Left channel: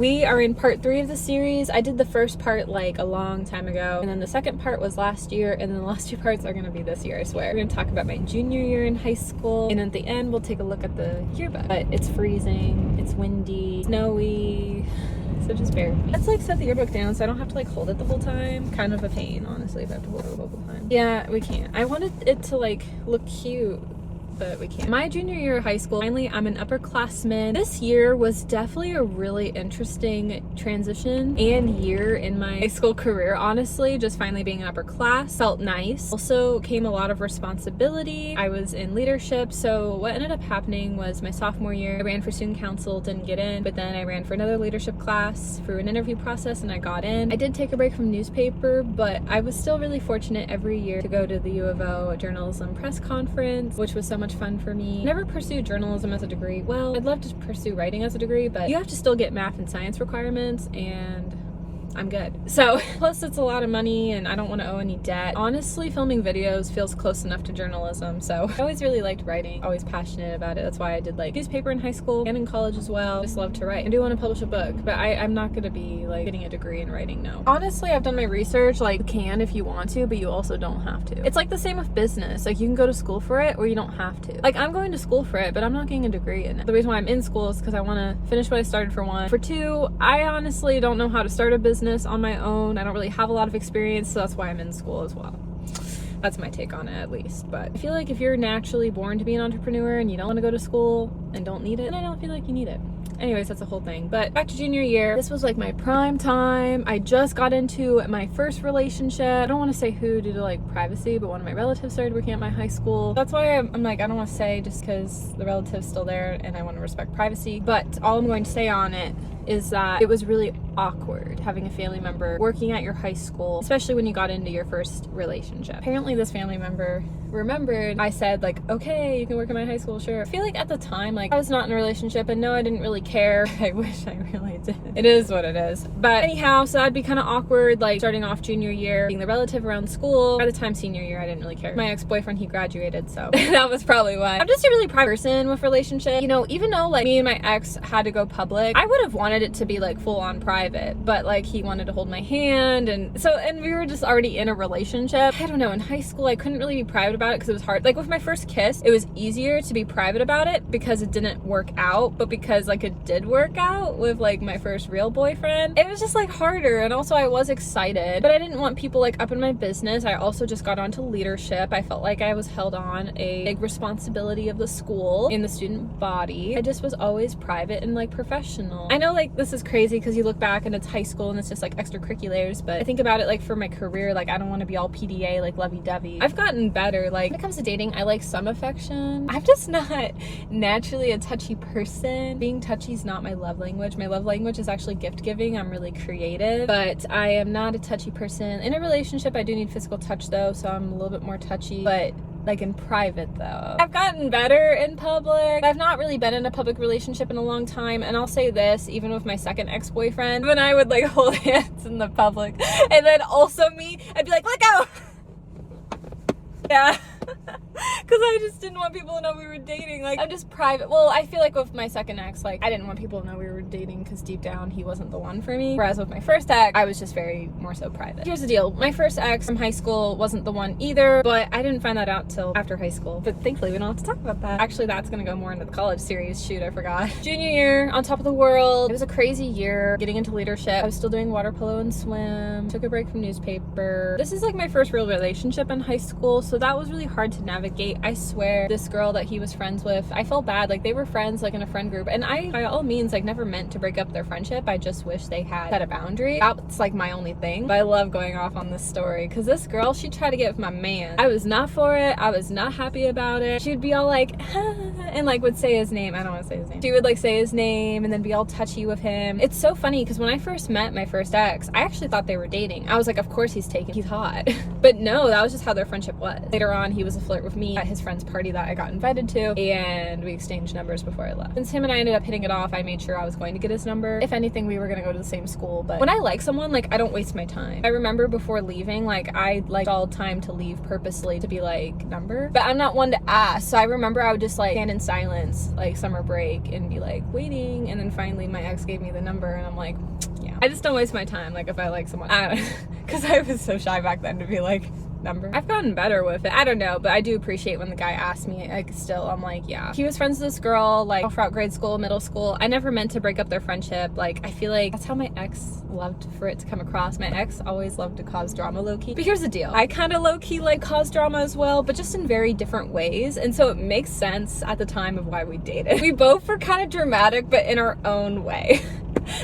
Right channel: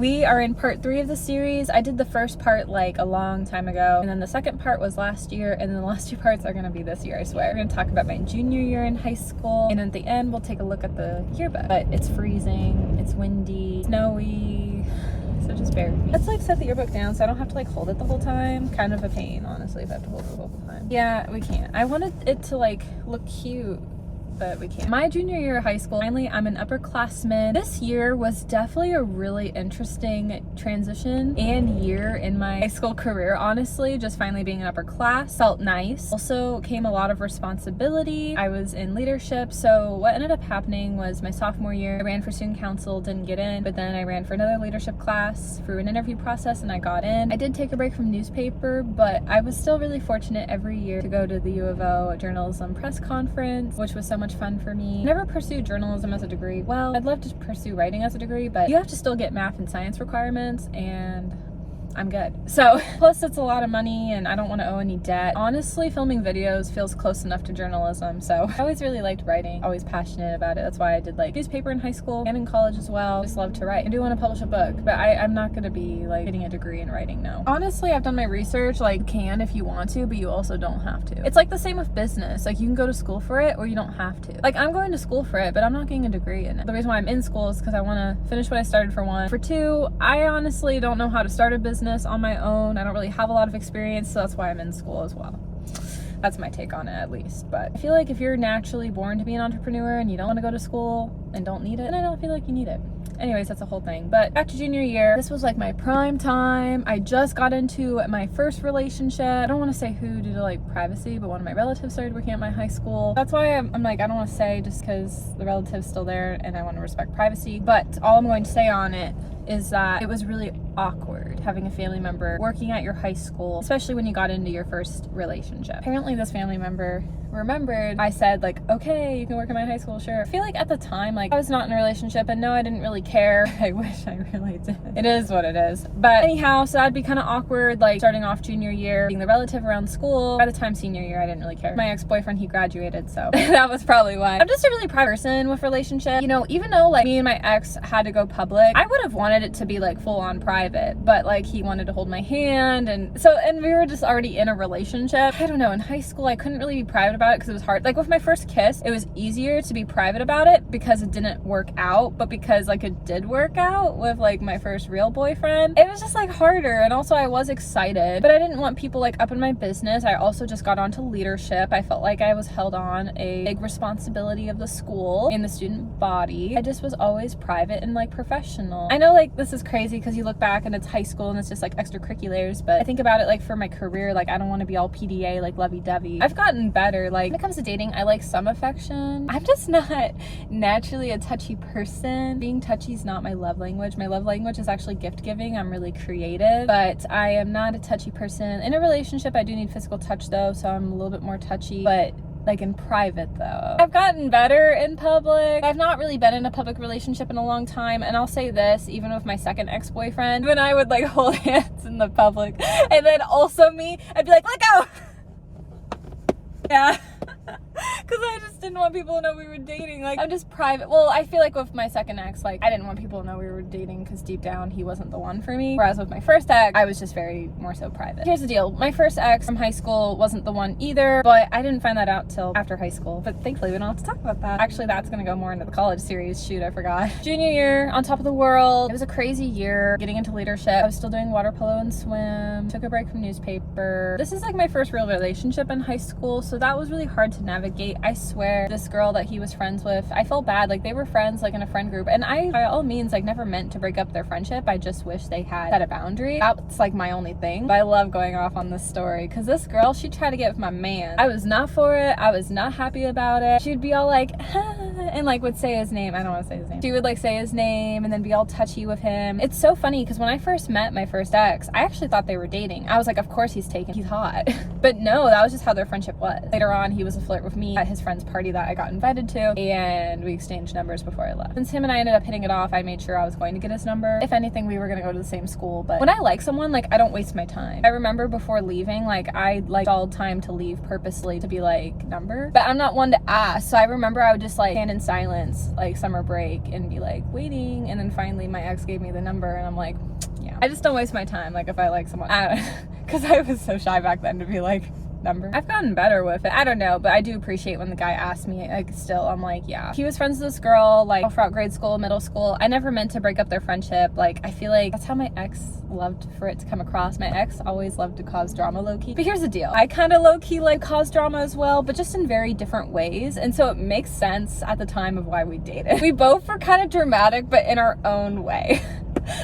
We are in part 3 of the series. I did the first part like a long time ago, and then the second part was last year, and then the last 2 parts are gonna be this year, I swear. We're gonna talk about my junior year in high school, and at the end we'll take a look at the yearbook. But it's freezing, it's windy, snowy, so just bear with me. Let's like set the yearbook down so I don't have to like hold it the whole time. Kind of a pain, honestly, if I have to hold it the whole time. Yeah, we can't. I wanted it to like look cute, but we can't. My junior year of high school, finally I'm an upperclassman. This year was definitely a really interesting transition and year in my high school career, honestly. Just finally being an upper class felt nice. Also came a lot of responsibility. I was in leadership, so what ended up happening was my sophomore year, I ran for student council, didn't get in, but then I ran for another leadership class through an interview process and I got in. I did take a break from newspaper, but I was still really fortunate every year to go to the U of O journalism press conference, which was so much fun for me. Never pursued journalism as a degree. Well, I'd love to pursue writing as a degree, but you have to still get math and science requirements, and I'm good. So, plus it's a lot of money and I don't want to owe any debt. Honestly, filming videos feels close enough to journalism, so I always really liked writing, always passionate about it. That's why I did like newspaper in high school and in college as well. Just love to write. I do want to publish a book, but I'm not going to be like getting a degree in writing, no. Honestly, I've done my research. Like, you can if you want to, but you also don't have to. It's like the same with business. Like, you can go to school for it or you don't have to. Like, I'm going to school for it, but I'm not getting a degree in it. The reason why I'm in school is because I want to finish what I started, for one. For two, I honestly don't know how to start a business on my own. I don't really have a lot of experience, so that's why I'm in school as well. That's my take on it, at least. But I feel like if you're naturally born to be an entrepreneur and you don't want to go to school and don't need it, then I don't feel like you need it. Anyways, that's the whole thing. But back to junior year, this was like my prime time. I just got into my first relationship. I don't want to say who due to like privacy, but one of my relatives started working at my high school. That's why I'm like, I don't want to say just because the relative's still there and I want to respect privacy. But all I'm going to say on it is that it was really awkward having a family member working at your high school, especially when you got into your first relationship. Apparently this family member remembered I said like, okay, you can work at my high school, sure. I feel like at the time, like, I was not in a relationship, and no, I didn't really care. I wish I really did. It is what it is. But anyhow, so that'd be kind of awkward, like starting off junior year, being the relative around school. By the time senior year, I didn't really care. My ex-boyfriend, he graduated, so that was probably why. I'm just a really private person with relationships. You know, even though like me and my ex had to go public, I would have wanted it to be like full on private, but like he wanted to hold my hand, and we were just already in a relationship. I don't know, in high school I couldn't really be private about it because it was hard. Like with my first kiss, it was easier to be private about it because it didn't work out, but because like it did work out with like my first real boyfriend, it was just like harder. And also I was excited, but I didn't want people like up in my business. I also just got onto leadership. I felt like I was held on a big responsibility of the school in the student body. I just was always private and like professional. I know like this is crazy because you look back and it's high school and it's just like extracurriculars, but I think about it like for my career, like I don't want to be all PDA, like lovey-dovey. I've gotten better. Like when it comes to dating, I like some affection. I'm just not naturally a touchy person. Being touchy is not my love language. My love language is actually gift giving. I'm really creative, but I am not a touchy person. In a relationship, I do need physical touch though, so I'm a little bit more touchy, but like in private though, I've gotten better in public. I've not really been in a public relationship in a long time, and I'll say this, even with my second ex-boyfriend, when I would like hold hands in the public, and then also me, I'd be like, let go. Yeah. Because I just didn't want people to know we were dating. Like, I'm just private. Well, I feel like with my second ex, like, I didn't want people to know we were dating because deep down he wasn't the one for me. Whereas with my first ex, I was just very more so private. Here's the deal. My first ex from high school wasn't the one either, but I didn't find that out till after high school. But thankfully, we don't have to talk about that. Actually, that's going to go more into the college series. Shoot, I forgot. Junior year, on top of the world. It was a crazy year getting into leadership. I was still doing water polo and swim. Took a break from newspaper. This is like my first real relationship in high school, so that was really hard to navigate. I swear, this girl that he was friends with, I felt bad. Like, they were friends, like, in a friend group, and I, by all means, like, never meant to break up their friendship. I just wish they had set a boundary. That's, like, my only thing. But I love going off on this story, because this girl, she tried to get with my man. I was not for it. I was not happy about it. She would be all like, and, like, would say his name. I don't want to say his name. She would, like, say his name, and then be all touchy with him. It's so funny, because when I first met my first ex, I actually thought they were dating. I was like, of course he's taken. He's hot. But no, that was just how their friendship was. Later on, he was a flirt with me. me at his friend's party that I got invited to, and we exchanged numbers before I left. Since him and I ended up hitting it off, I made sure I was going to get his number. If anything, we were gonna go to the same school. But when I like someone, like, I don't waste my time. I remember before leaving, like, I like all time to leave purposely to be like, number, but I'm not one to ask. So I remember I would just like stand in silence like summer break and be like waiting, and then finally my ex gave me the number, and I'm like, yeah, I just don't waste my time. Like, if I like someone, I don't, because I was so shy back then to be like, number. I've gotten better with it. I don't know, but I do appreciate when the guy asked me. Like, still, I'm like, yeah. He was friends with this girl, like, all throughout grade school, middle school. I never meant to break up their friendship. Like, I feel like that's how my ex loved for it to come across. My ex always loved to cause drama low-key. But here's the deal. I kind of low-key, like, cause drama as well, but just in very different ways. And so it makes sense at the time of why we dated. We both were kind of dramatic, but in our own way.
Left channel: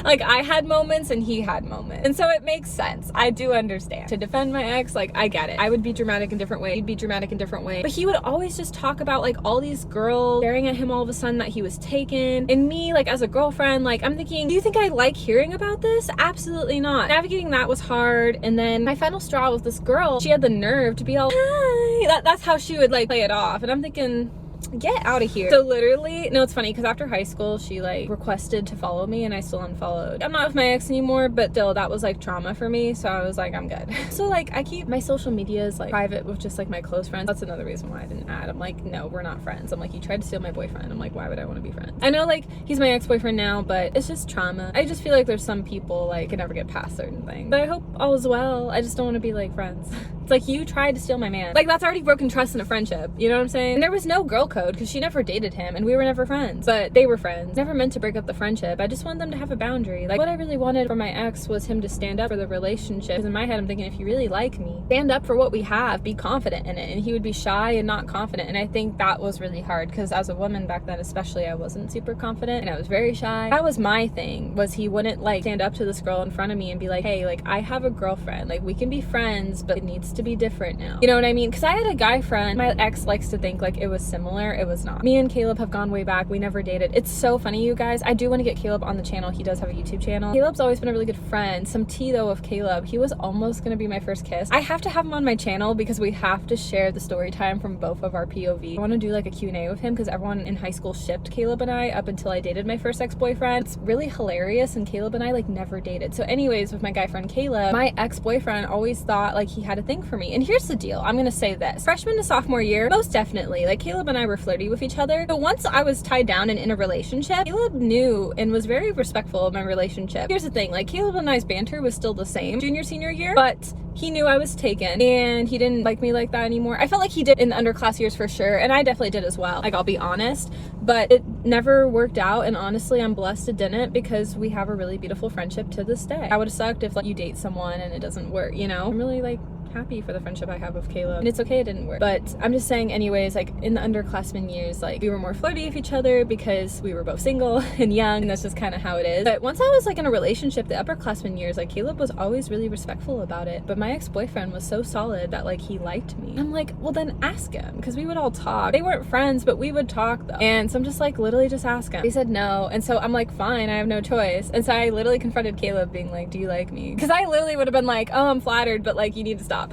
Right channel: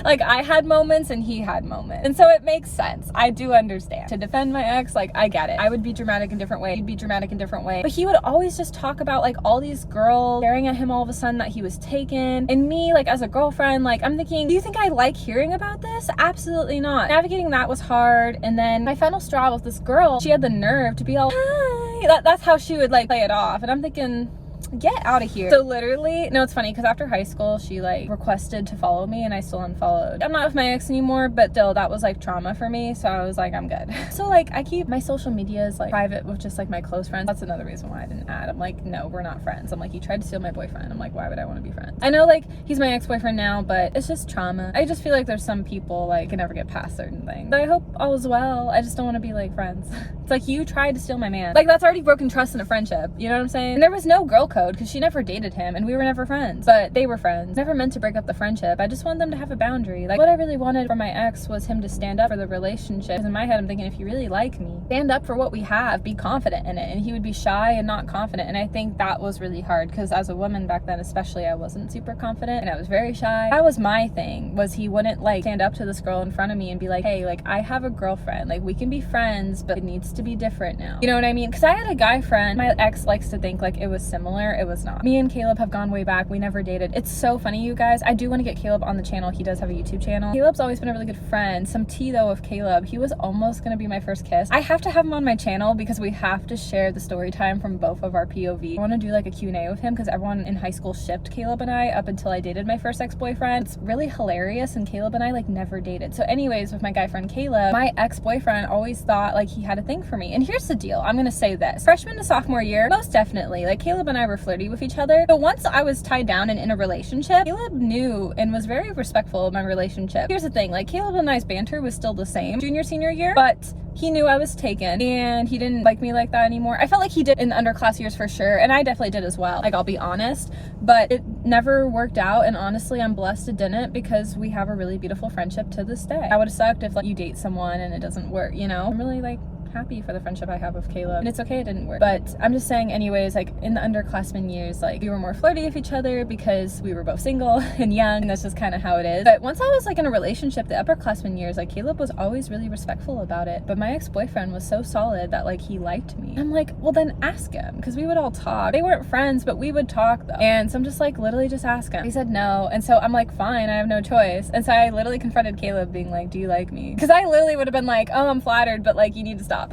Like, I had moments and he had moments, and so it makes sense. I do understand. To defend my ex, like, I get it. I would be dramatic in different ways, he'd be dramatic in different ways, but he would always just talk about like all these girls staring at him all of a sudden that he was taken, and me, like, as a girlfriend, like, I'm thinking, do you think I like hearing about this? Absolutely not. Navigating that was hard. And then my final straw with this girl, she had the nerve to be all, hi. That's how she would like play it off, and I'm thinking, get out of here. So literally, no, it's funny because after high school she like requested to follow me and I still unfollowed. I'm not with my ex anymore, but still, that was like trauma for me, so I was like, I'm good. So like, I keep my social medias like private with just like my close friends. That's another reason why I didn't add. I'm like, no, we're not friends. I'm like, you tried to steal my boyfriend. I'm like, why would I want to be friends? I know like he's my ex-boyfriend now, but it's just trauma. I just feel like there's some people like can never get past certain things, but I hope all is well. I just don't want to be like friends. It's like, you tried to steal my man. Like, that's already broken trust in a friendship. You know what I'm saying? And there was no girl code because she never dated him and we were never friends, but they were friends. Never meant to break up the friendship. I just want them to have a boundary. Like, what I really wanted from my ex was him to stand up for the relationship. Because in my head, I'm thinking, if you really like me, stand up for what we have, be confident in it. And he would be shy and not confident. And I think that was really hard because as a woman back then, especially, I wasn't super confident and I was very shy. That was my thing, was he wouldn't like stand up to this girl in front of me and be like, hey, like, I have a girlfriend. Like, we can be friends, but it needs to be different now. You know what I mean? Because I had a guy friend. My ex likes to think like it was similar. It was not. Me and Caleb have gone way back. We never dated. It's so funny, you guys. I do want to get Caleb on the channel. He does have a YouTube channel. Caleb's always been a really good friend. Some tea though of Caleb. He was almost going to be my first kiss. I have to have him on my channel because we have to share the story time from both of our POV. I want to do like a Q&A with him because everyone in high school shipped Caleb and I up until I dated my first ex-boyfriend. It's really hilarious, and Caleb and I like never dated. So anyways, with my guy friend Caleb, my ex-boyfriend always thought like he had a thing for me. And here's the deal. I'm gonna say this. Freshman to sophomore year, most definitely, like, Caleb and I were flirty with each other. But once I was tied down and in a relationship, Caleb knew and was very respectful of my relationship. Here's the thing, like, Caleb and I's banter was still the same junior, senior year, but he knew I was taken and he didn't like me like that anymore. I felt like he did in the underclass years for sure, and I definitely did as well. Like, I'll be honest, but it never worked out, and honestly, I'm blessed it didn't because we have a really beautiful friendship to this day. I would have sucked if like you date someone and it doesn't work, you know? I'm really like happy for the friendship I have with Caleb, and it's okay it didn't work. But I'm just saying, anyways, like, in the underclassmen years, like, we were more flirty with each other because we were both single and young, and that's just kind of how it is. But once I was like in a relationship, the upperclassmen years, like, Caleb was always really respectful about it, but my ex-boyfriend was so solid that like he liked me. I'm like, well, then ask him, because we would all talk. They weren't friends, but we would talk though. And so I'm just like, literally just ask him. He said no, and so I'm like, fine, I have no choice. And so I literally confronted Caleb being like, do you like me? Because I literally would have been like, oh, I'm flattered, but like, you need to stop.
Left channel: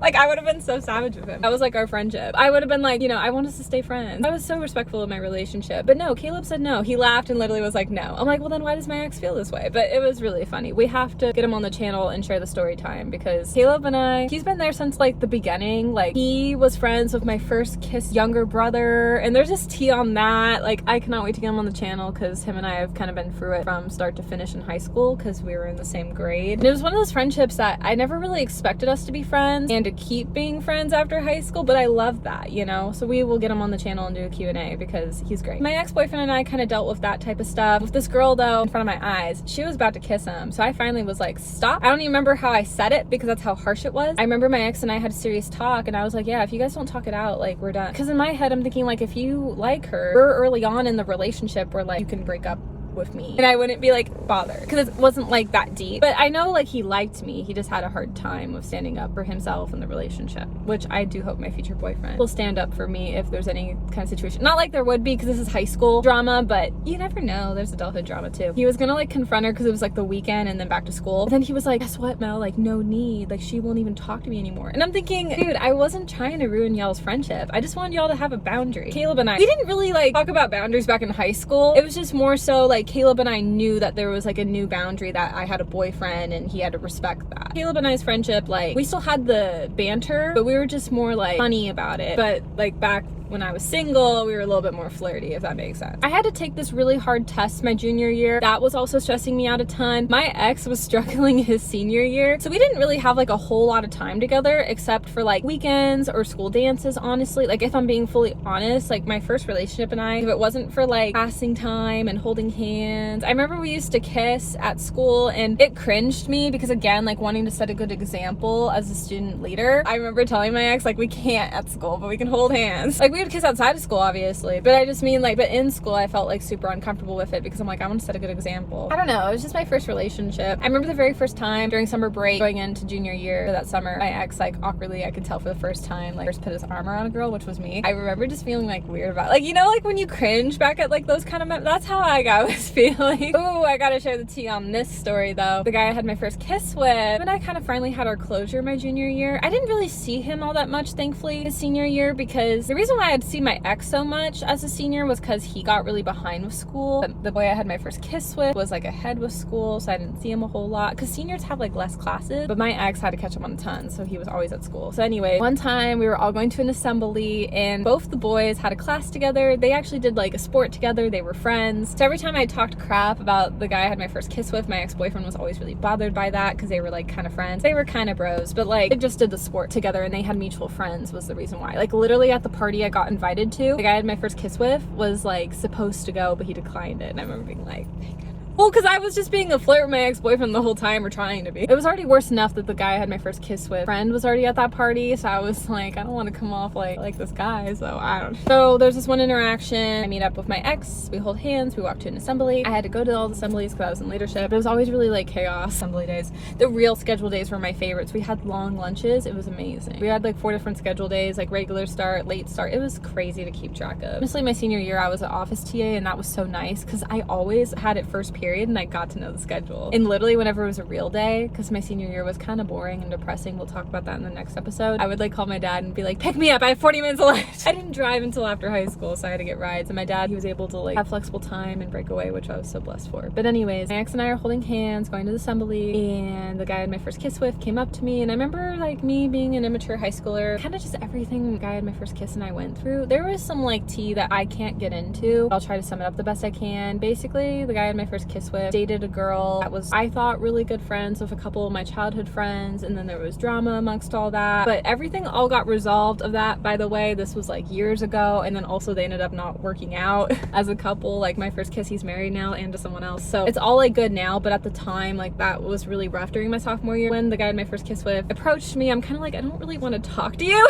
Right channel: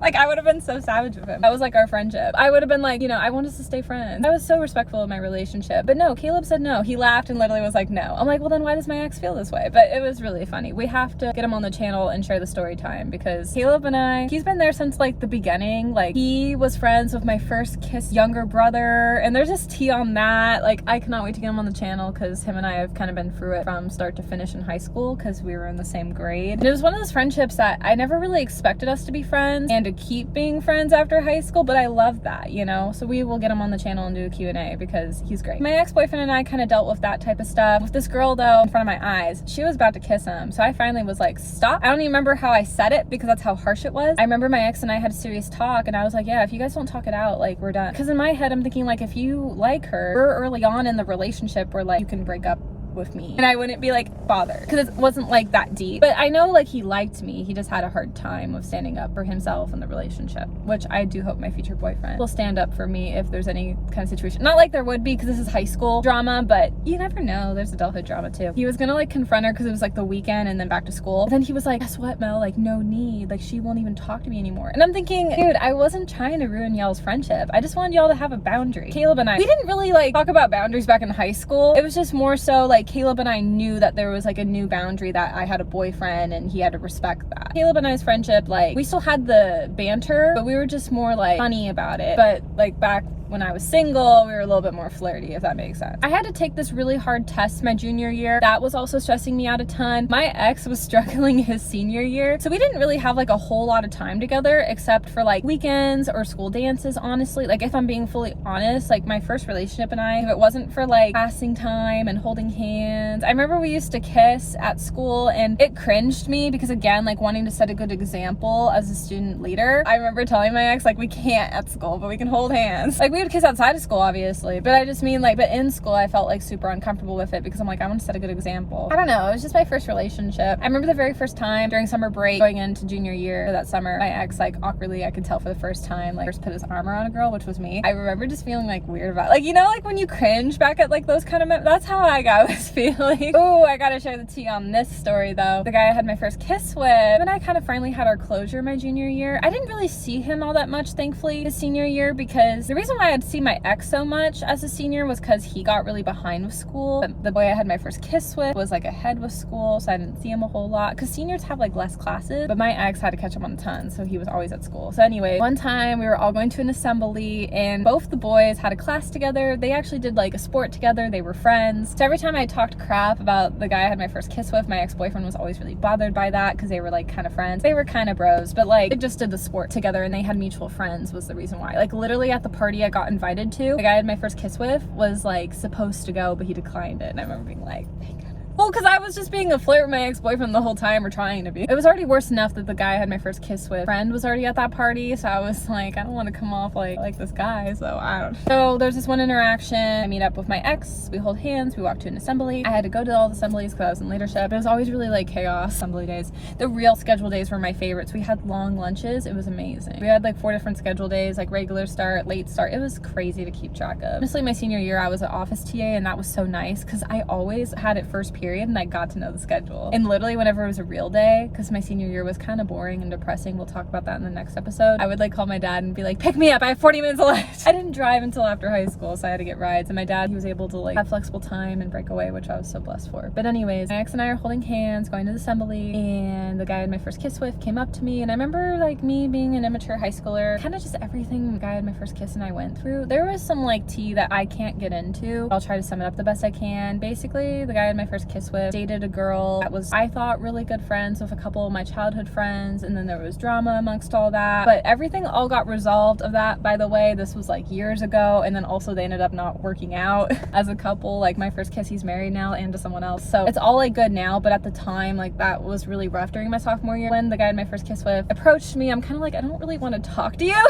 Like, I would have been so savage with him. That was like our friendship. I would have been like, you know, I want us to stay friends. I was so respectful of my relationship. But no, Caleb said no. He laughed and literally was like, no. I'm like, well, then why does my ex feel this way? But it was really funny. We have to get him on the channel and share the story time, because Caleb and I, he's been there since like the beginning. Like, he was friends with my first kiss younger brother, and there's just tea on that. Like, I cannot wait to get him on the channel because him and I have kind of been through it from start to finish in high school because we were in the same grade. And it was one of those friendships that I never really expected us to be friends and to keep being friends after high school, but I love that, you know? So we will get him on the channel and do a Q&A because he's great. My ex-boyfriend and I kind of dealt with that type of stuff. With this girl though, in front of my eyes, she was about to kiss him, so I finally was like, stop. I don't even remember how I said it because that's how harsh it was. I remember my ex and I had a serious talk, and I was like, yeah, if you guys don't talk it out, like, we're done. Because in my head, I'm thinking, like, if you like her, we're early on in the relationship where like you can break up with me and I wouldn't be like bothered because it wasn't like that deep. But I know like he liked me. He just had a hard time of standing up for himself in the relationship, which I do hope my future boyfriend will stand up for me if there's any kind of situation. Not like there would be because this is high school drama, but you never know. There's adulthood drama too. He was gonna like confront her because it was like the weekend and then back to school. But then he was like, guess what, Mel? Like no need. Like she won't even talk to me anymore. And I'm thinking, dude, I wasn't trying to ruin y'all's friendship. I just wanted y'all to have a boundary. Caleb and I, we didn't really like talk about boundaries back in high school. It was just more so like Caleb and I knew that there was like a new boundary, that I had a boyfriend and he had to respect that. Caleb and I's friendship, like we still had the banter, but we were just more like funny about it. But like back when I was single, we were a little bit more flirty, if that makes sense. I had to take this really hard test my junior year. That was also stressing me out a ton. My ex was struggling his senior year, so we didn't really have like a whole lot of time together except for like weekends or school dances, honestly. Like if I'm being fully honest, like my first relationship and I, if it wasn't for like passing time and holding hands, I remember we used to kiss at school and it cringed me because again, like wanting to set a good example as a student leader. I remember telling my ex like we can't at school, but we can hold hands. Like we would kiss outside of school obviously, but I just mean like, but in school I felt like super uncomfortable with it because I'm like, I want to set a good example. I don't know, it was just my first relationship. I remember the very first time during summer break going into junior year that summer, my ex like awkwardly, I could tell for the first time, like first put his arm around a girl, which was me. I remember just feeling like weird about it. Like, you know, like when you cringe back at like those kind of that's how I got this feeling. Oh, I gotta share the tea on this story though. The guy I had my first kiss with, and I kind of finally had our closure my junior year. I didn't really see him all that much, thankfully, his senior year, because the reason why I'd see my ex so much as a senior was because he got really behind with school. The boy I had my first kiss with was like ahead with school, so I didn't see him a whole lot because seniors have like less classes, but my ex had to catch up on a ton, so he was always at school. So anyway, one time we were all going to an assembly and both the boys had a class together. They actually did like a sport together. They were friends. So every time I talked crap about the guy I had my first kiss with, my ex-boyfriend was always really bothered by that because they were like kind of friends. They were kind of bros, but like they just did the sport together and they had mutual friends was the reason why. Like literally at the party I got invited to, the guy I had my first kiss with was like supposed to go, but he declined it. And I remember being like, thank goodness. Well, because I was just being a flirt with my ex-boyfriend the whole time, or trying to be. It was already worse enough that the guy I had my first kiss with friend was already at that party, so I was like, I don't want to come off like this guy, so I don't know. So there's this one interaction. I meet up with my ex, we hold hands, we walk to an assembly. I had to go to all the assemblies because I was in leadership. It was always really like chaos. Assembly days, the real schedule days were my favorites. We had long lunches. It was amazing. We had like 4 different schedule days, like regular start, late start. It was crazy to keep track of. Honestly, my senior year, I was an office TA, and that was so nice because I always had it first period and I got to know the schedule. And literally whenever it was a real day, because my senior year was kind of boring and depressing, we'll talk about that in the next episode, I would like call my dad and be like, pick me up, I have 40 minutes left. I didn't drive until after high school, so I had to get rides, and my dad, he was able to like have flexible time and break away, which I was so blessed for. But anyways, my ex and I are holding hands going to the assembly, and the guy I had my first kiss with came up to me, and I remember like me being an immature high schooler, kind of just everything the guy I had my first kiss and I went through. There was some like tea that I can't get into. I'll try to sum it up the best I can. Basically, the guy I had my first kiss with dated a girl that was, I thought, really good friends with a couple of my childhood friends, and then there was drama amongst all that, but everything all got resolved of that. By the way, this was like years ago, and then also they ended up not working out as a couple. Like my first kiss, he's married now and to someone else, so it's all like good now, but at the time, like that was really rough during my sophomore year. When the guy I had my first kiss with approached me, I'm kind of like, I don't really want to talk to you.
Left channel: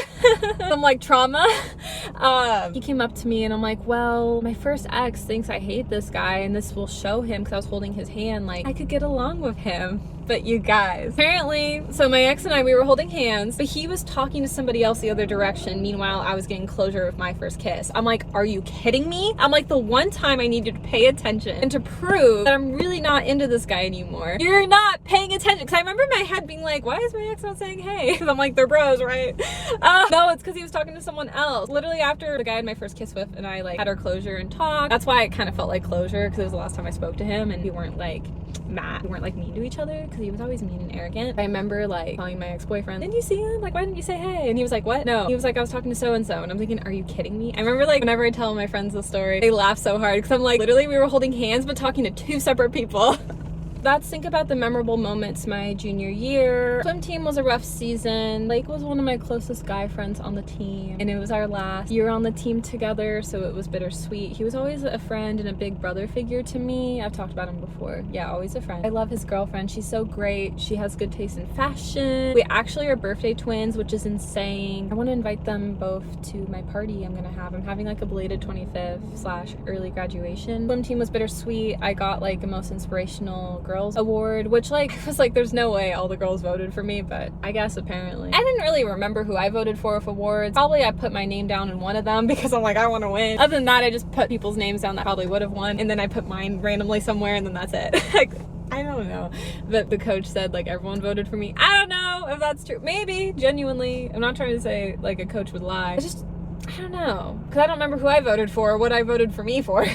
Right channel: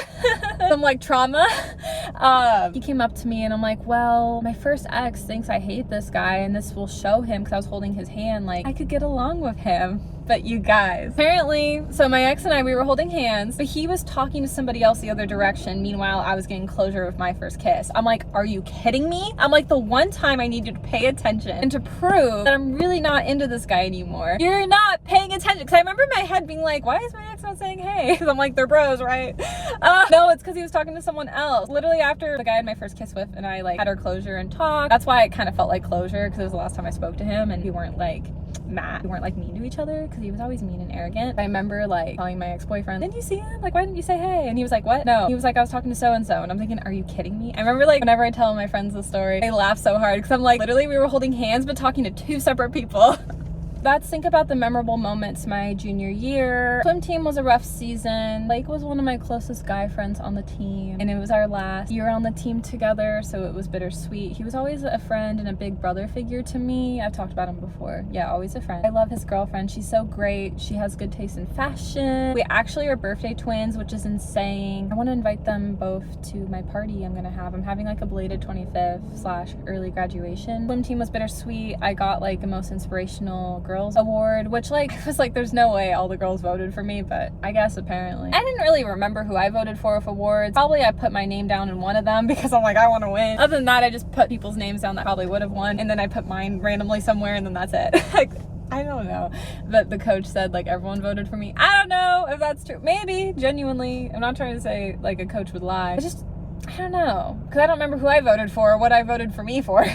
I'm like trauma. He came up to me and I'm like, well, my first ex thinks I hate this guy, and this will show him, because I was holding his hand, like I could get along with him. But you guys, apparently, so my ex and I, we were holding hands, but he was talking to somebody else the other direction. Meanwhile, I was getting closure with my first kiss. I'm like, are you kidding me? I'm like, the one time I needed to pay attention and to prove that I'm really not into this guy anymore, you're not paying attention. Because I remember in my head being like, why is my ex not saying hey? Because I'm like, they're bros, right? No, it's because he was talking to someone else. Literally after the guy I had my first kiss with and I like had our closure and talked. That's why it kind of felt like closure, because it was the last time I spoke to him, and we weren't like mad. We weren't like mean to each other, because he was always mean and arrogant. I remember like telling my ex-boyfriend, didn't you see him? Like, why didn't you say hey? And he was like, what? No. He was like, I was talking to so-and-so. And I'm thinking, are you kidding me? I remember like whenever I tell my friends this story, they laugh so hard, because I'm like, literally we were holding hands but talking to 2 separate people. let's think about the memorable moments my junior year. Swim team was a rough season. Blake was one of my closest guy friends on the team, and it was our last year on the team together, so it was bittersweet. He was always a friend and a big brother figure to me. I've talked about him before. Yeah, always a friend. I love his girlfriend. She's so great. She has good taste in fashion. We actually are birthday twins, which is insane. I want to invite them both to my party I'm having like a belated 25th/early graduation. Swim team was bittersweet. I got like the most inspirational girls award, which like was like there's no way all the girls voted for me, but I guess apparently. I didn't really remember who I voted for with awards. Probably I put my name down in one of them because I'm like, I want to win. Other than that, I just put people's names down that probably would have won, and then I put mine randomly somewhere, and then that's it. Like, I don't know. But the coach said like everyone voted for me. I don't know if that's true. Maybe, genuinely. I'm not trying to say like a coach would lie. I don't know, because I don't remember who I voted for or what I voted for me for.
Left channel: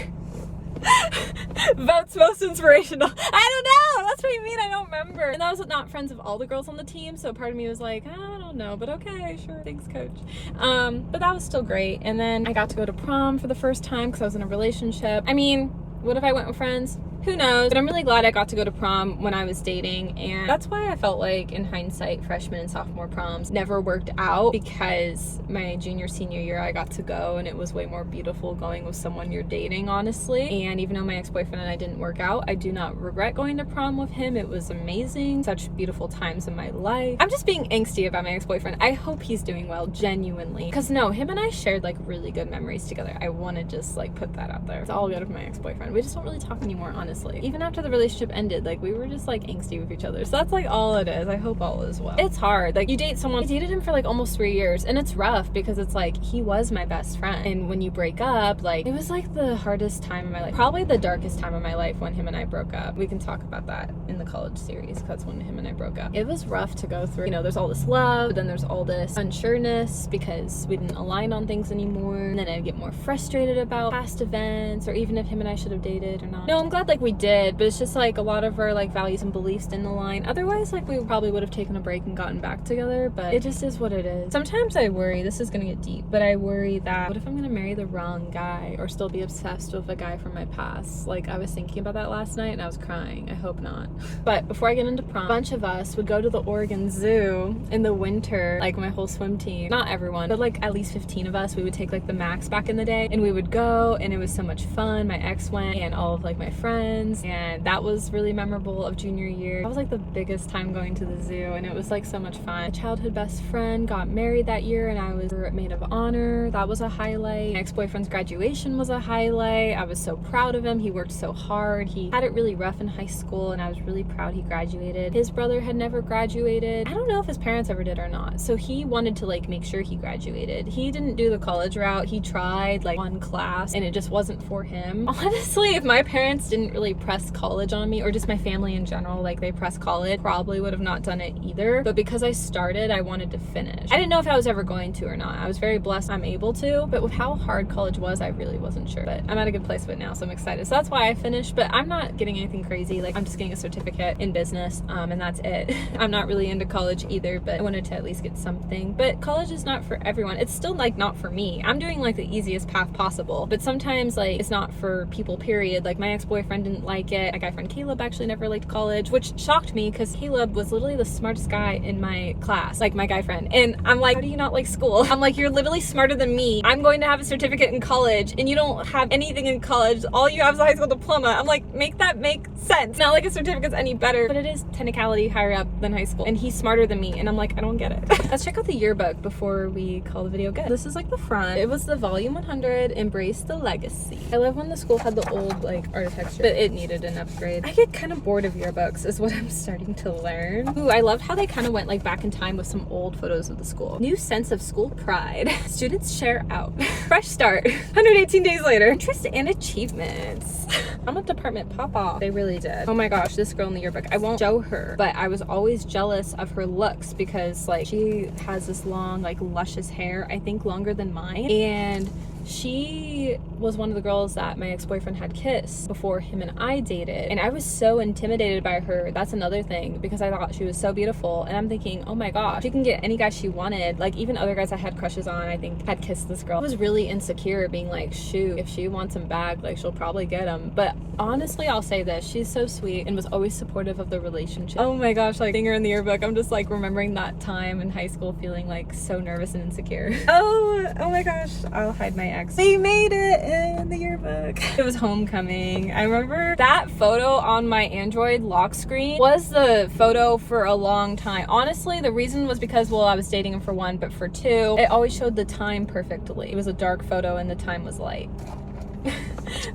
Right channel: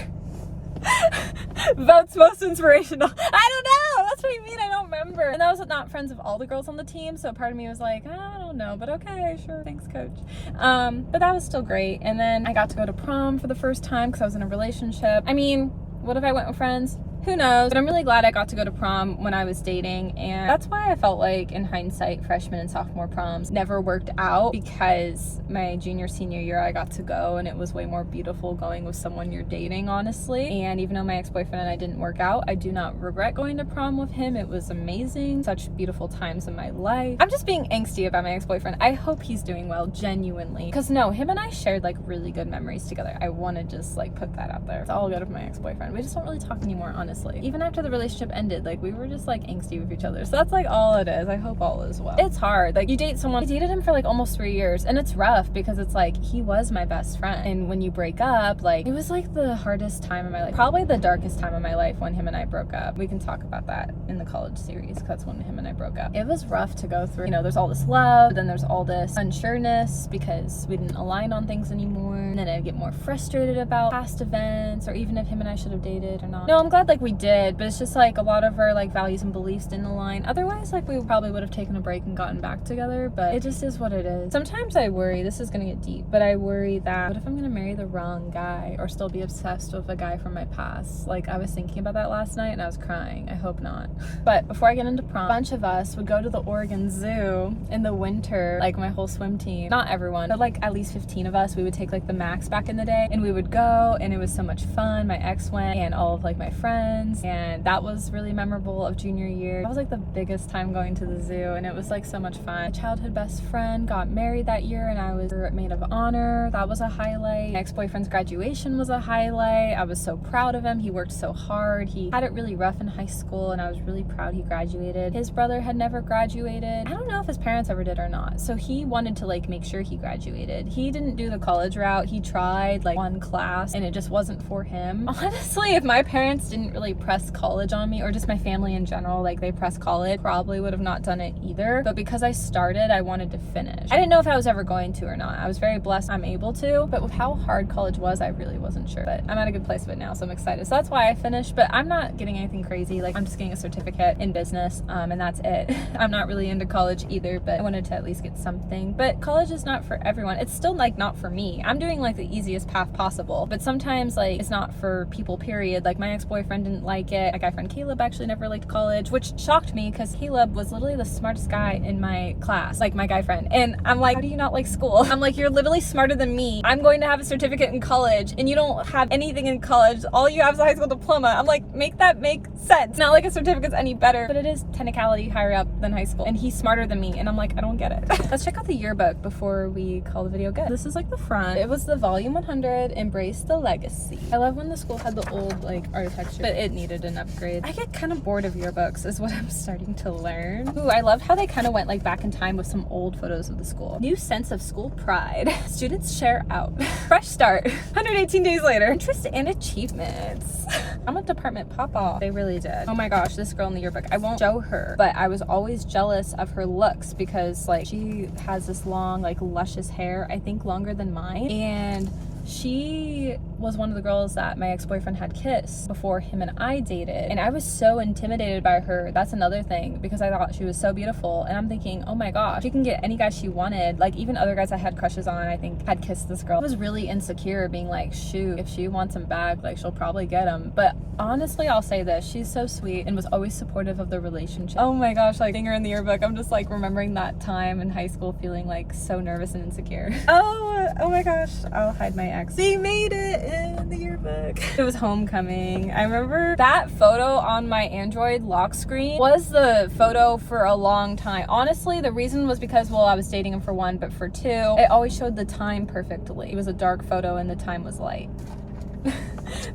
Votes most inspirational. I don't know. That's what I mean. I don't remember. And I was not friends of all the girls on the team, so part of me was like, I don't know, but okay, sure, thanks, coach. But that was still great. And then I got to go to prom for the first time because I was in a relationship. I mean, what if I went with friends? Who knows? But I'm really glad I got to go to prom when I was dating, and that's why I felt like in hindsight freshman and sophomore proms never worked out, because my junior senior year I got to go and it was way more beautiful going with someone you're dating, honestly. And even though my ex-boyfriend and I didn't work out, I do not regret going to prom with him. It was amazing. Such beautiful times in my life. I'm just being angsty about my ex-boyfriend. I hope he's doing well, genuinely, because no, him and I shared like really good memories together. I want to just like put that out there. It's all good with my ex-boyfriend. We just don't really talk anymore, honestly. Even after the relationship ended, like we were just like angsty with each other. So that's like all it is. I hope all is well. It's hard. Like you date someone, I dated him for like almost 3 years, and it's rough because it's like he was my best friend. And when you break up, like it was like the hardest time of my life. Probably the darkest time of my life when him and I broke up. We can talk about that in the college series because that's when him and I broke up. It was rough to go through. You know, there's all this love, but then there's all this unsureness because we didn't align on things anymore. And then I'd get more frustrated about past events or even if him and I should have dated or not. No, I'm glad like we did. But it's just like a lot of our like values and beliefs didn't align. Otherwise, like we probably would have taken a break and gotten back together, but it just is what it is. Sometimes I worry, this is gonna get deep, but I worry that what if I'm gonna marry the wrong guy or still be obsessed with a guy from my past? Like I was thinking about that last night and I was crying. I hope not. But before I get into prom, a bunch of us would go to the Oregon Zoo in the winter, like my whole swim team. Not everyone, but like at least 15 of us. We would take like the max back in the day and we would go, and it was so much fun. My ex went and all of like my friends, and that was really memorable of junior year. That was like the biggest time going to the zoo, and it was like so much fun. My childhood best friend got married that year and I was maid of honor. That was a highlight. My ex-boyfriend's graduation was a highlight. I was so proud of him. He worked so hard. He had it really rough in high school and I was really proud he graduated. His brother had never graduated. I don't know if his parents ever did or not, so he wanted to like make sure he graduated. He didn't do the college route. He tried like one class and it just wasn't for him. Honestly, if my parents didn't really press college on me, or just my family in general, like they press college, probably would have not done it either. But because I started, I wanted to finish. I didn't know if I was ever going to or not. I was very blessed I'm able to, but with how hard college was, I really wasn't sure. But I'm at a good place with it now, so I'm excited. So that's why I finished, but I'm not getting anything crazy. Like I'm just getting a certificate in business, and that's it. I'm not really into college either, but I wanted to at least get something. But college is not for everyone. It's still like not for me. I'm doing like the easiest path possible, but sometimes like it's not for people, period. Like my ex-boyfriend didn't like it. My guy friend Caleb actually never liked college, which shocked me because Caleb was literally the smartest guy in my class, like my guy friend. And I'm like, how do you not like school? I'm like, you're literally smarter than me. I'm going to have a certificate in college and you don't have anything in college. All you have is a high school diploma. I'm like, make that make sense. Not like a certificate's any better, but it is technicality higher up than high school. And he's smarter than me. And I'm like, I don't get it. Let's check out the yearbook before we call the video good. This is like the front. It was the volume 100, Embrace the Legacy. I love when the school had the old like architecture, but it needed an upgrade. I get kind of bored of yearbooks is what I'm starting to learn. Ooh, I love how they kind of went like back in time with some old photos of the school. New sense of school pride. Students share out. Fresh start. 118 days later. Interest and achievements. I'm a department pop-off. They really did. Oh my gosh, this girl in the yearbook. I won't show her, but I was always jealous of her looks because like she has this long, like luscious hair, I think longer than mine. And she was one of the girls that my ex-boyfriend had kissed before him and I dated. And I was so intimidated by her. That's another thing, because I thought she was so beautiful. And I'm thinking, oh my gosh, she can get any guy she wanted. Like, even other guys I had crushes on, I think, had kissed this girl. I was really insecure, being like, shoot, if she wants him back, like, she'll probably get him. But honestly, I'll say this, she's so sweet and was always supportive of the relationship. Oh my gosh, like, seeing her in the yearbook, I'm just like remembering that time in high school feeling like so nervous and insecure. Oh my gosh, I'll hide my ex. They made it in the yearbook. It was homecoming. I remember that photo on my Android lock screen was the photo for a long time. Honestly, the reason was because, well, I was dating him for one, but for two, it always showed the time perfectly. It was a dark photo and the time was light.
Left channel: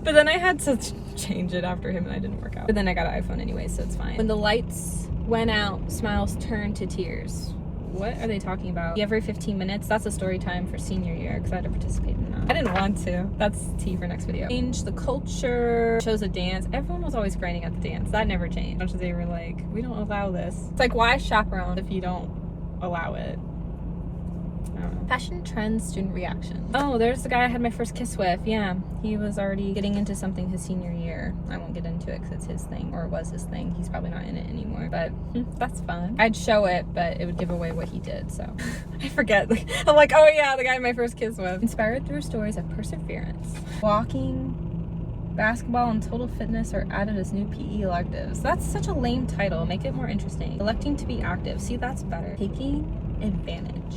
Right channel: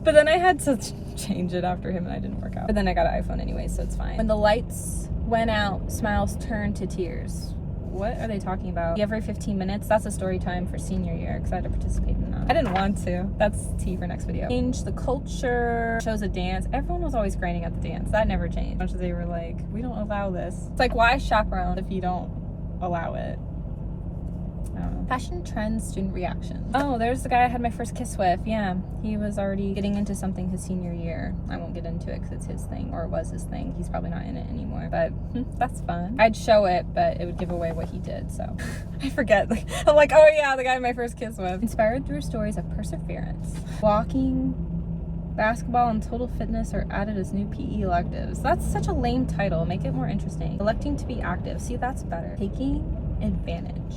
But then I had to change it after him and I didn't work out. But then I got an iPhone anyway, so it's fine. When the lights went out, smiles turned to tears. What are they talking about? Every 15 minutes? That's a story time for senior year, because I had to participate in that. I didn't want to. That's tea for next video. Change the culture, chose a dance. Everyone was always grinding at the dance. That never changed. Much as they were like, we don't allow this. It's like, why chaperone if you don't allow it? I don't know. Fashion trends, student reactions. Oh, there's the guy I had my first kiss with. Yeah, he was already getting into something his senior year. I won't get into it because it's his thing, or it was his thing. He's probably not in it anymore, but that's fun. I'd show it, but it would give away what he did, so I forget. Like, I'm like, oh yeah, the guy I had my first kiss with. Inspired through stories of perseverance. Walking, basketball, and total fitness are added as new PE electives. That's such a lame title. Make it more interesting. Electing to be active. See, that's better. Taking advantage.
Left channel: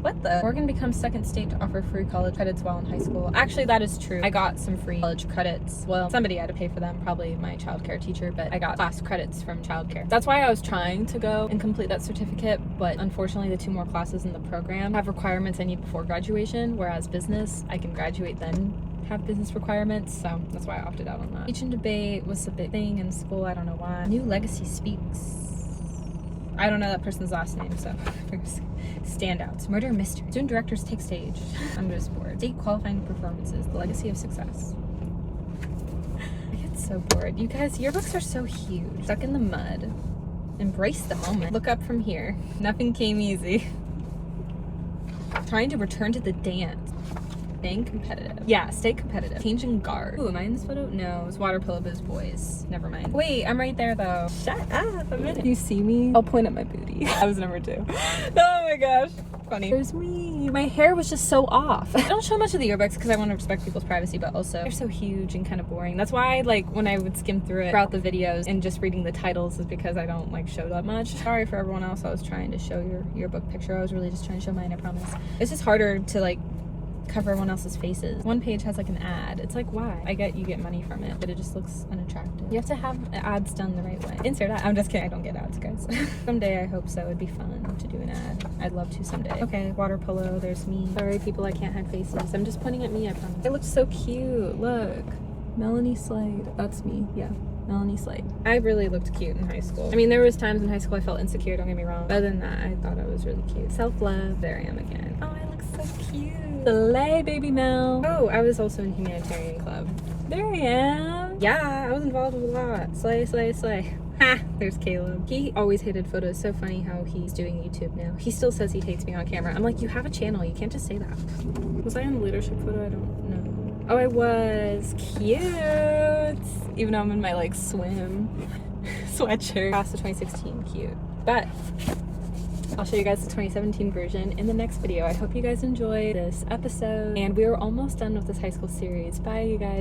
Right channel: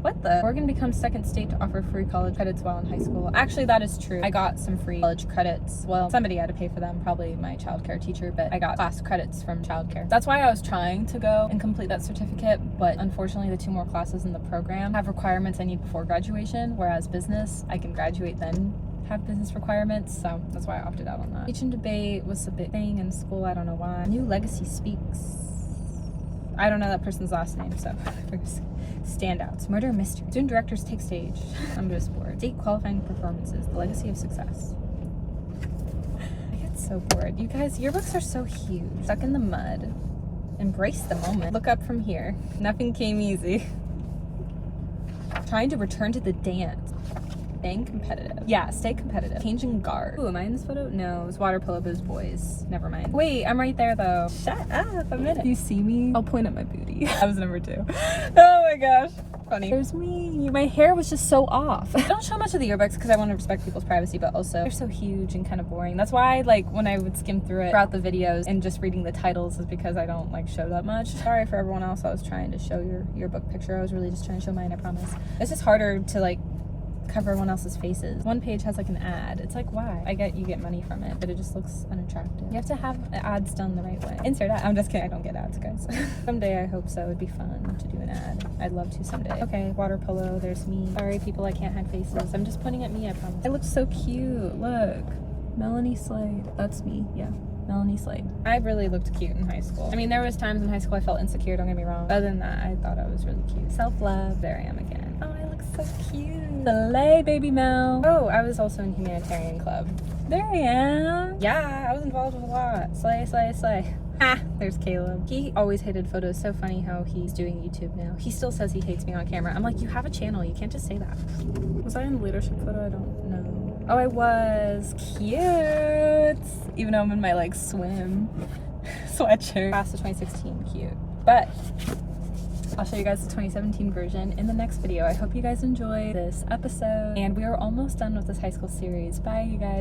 What the? Oregon becomes second state to offer free college credits while in high school. Actually, that is true. I got some free college credits. Well, somebody had to pay for them, probably my childcare teacher, but I got class credits from childcare. That's why I was trying to go and complete that certificate, but unfortunately the 2 more classes in the program have requirements I need before graduation, whereas business, I can graduate then have business requirements, so that's why I opted out on that. Teach and debate was a big thing in school, I don't know why. New legacy speaks. I don't know that person's last name, so standouts. Murder mystery. Student directors take stage. I'm just bored. State qualifying performances. The legacy of success. I get so bored. You guys, yearbooks are so huge. Stuck in the mud. Embrace the moment. Look up from here. Nothing came easy. Trying to return to the dance. Staying competitive. Yeah, stay competitive. Changing guard. Ooh, am I in this photo? No, it's water polo booze boys. Never mind. Wait, I'm right there though. Shut up a minute. You see me? I'll point at my booty. That was number 2. Oh my gosh. Funny. There's me. My hair was just so off. I don't show much of the yearbooks because I want to respect people's privacy, but also they're so huge and kind of boring. That's why, like, when I would skim through it throughout the videos and just reading the titles is because I don't like show that much. Sorry for everyone else. I was trying to show your yearbook picture. I was really just trying to show mine, I promise. It's just harder to like cover everyone else's faces. One page has like an ad. It's like, why? I get you get money from it, but it just looks unattractive. You have to have ads done the right way. Insert ad. I'm just kidding. I don't get ads, guys. Someday I hope so. It'd be fun to do an ad. I'd love to someday. Okay, water polo. There's me. Sorry, people, I can't hide faces. I'm just pointing at me, I promise. I look so cute. Look. Melanie Slade. That's me. Yeah. Melanie Slade. I really looked cute in high school. I mean, there was times in high school I felt insecure, don't get me wrong. Other than that, I thought I was really cute. Self-love. There I am again. Oh, I look so cute. Slay, baby Mel. Oh, I was also in humanitarian club. There I am. Yeah, I was involved with a lot. Slay, slay, slay. Ha! There's Caleb. He always hated photos. So funny how he's doing YouTube now. He still says he hates me on camera. I'm like, you have a channel. You can't just say that. Was I in the leadership photo? I don't know. Oh, I was. Cute. Even though I'm in my, like, swim sweatshirt. Class of 2016. Cute. But I'll show you guys the 2017 version in the next video. I hope you guys enjoyed this episode. And we are almost done with this high school series. Bye, you guys.